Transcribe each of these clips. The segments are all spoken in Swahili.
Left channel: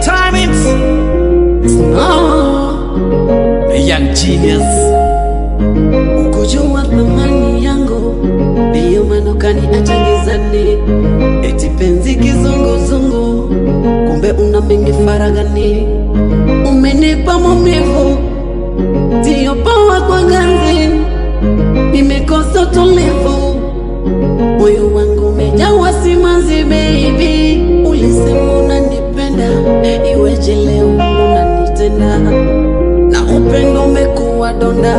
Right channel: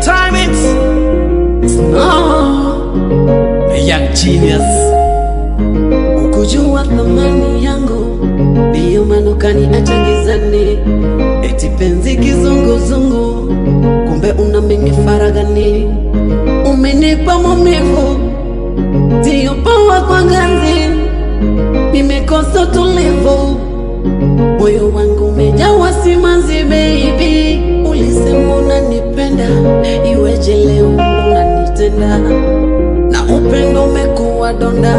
Entertainment. No, a young genius. ukujua thamani yangu, ndiyo maana ukaniacha gizani. Eti penzi kizunguzungu, kumbe una mengi faragani. Umenipa maumivu, ndiyo pawa kwa ganzi. Nimekosa tulivu, moyo wangu umejawa simanzi baby. Ulisema unanipenda, iweje leo unanitenda? Na upendo umekuwa donda,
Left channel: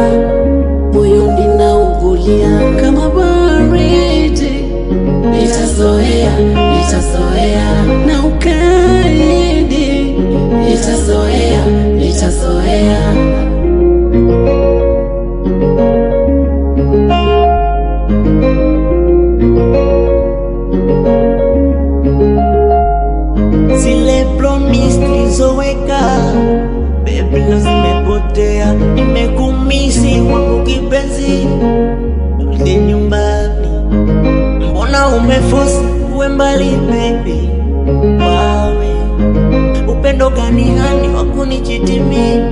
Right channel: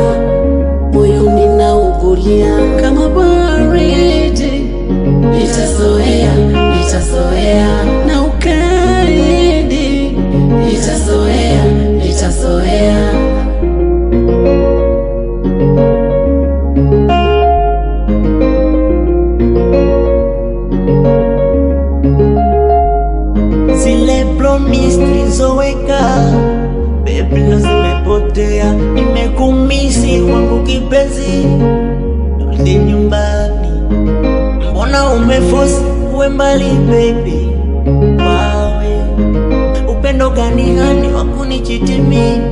moyoni naugulia kama baridi. Nitazoea, nitazoea na ukaidi. Nitazoea, nitazoea. Zile promise tulizoweka baby leo zimepotea. Nimekumisi wangu kipenzi, rudi nyumbani. Mbona umeforce uwe mbali baby? Wawe upendo gani hani wakunichiti mimi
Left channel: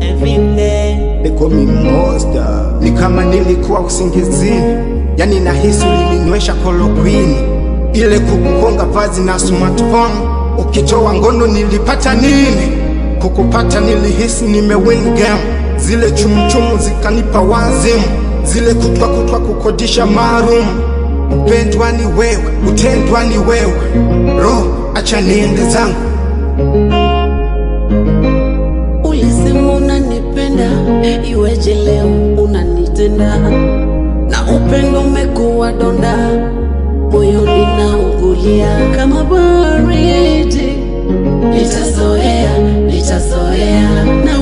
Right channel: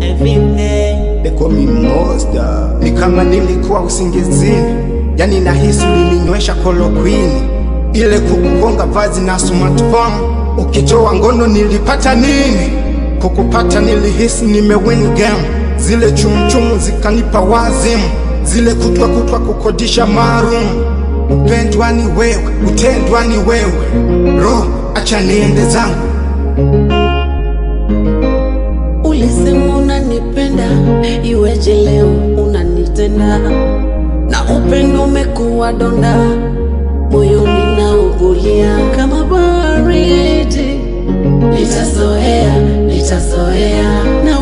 everyday? They call me monster. Ni kama nilikuwa usingizini, yani nahisi ulininywesha chloroquine. Ile kukuhonga vazi na smartphone, ukitoa ngono nilipata nini? Kukupata nilihisi nimewin game. Zile chumchumu zikanipa wazimu, zile kutwa kukodisha maroom. Upendwa ni wewe, utendwa ni wewe, roho acha niende zangu. Ulisema unanipenda, iweje leo unanitenda? Na upendo umekuwa donda, moyoni naugulia kama baridi. Nitazoea, nitazoea na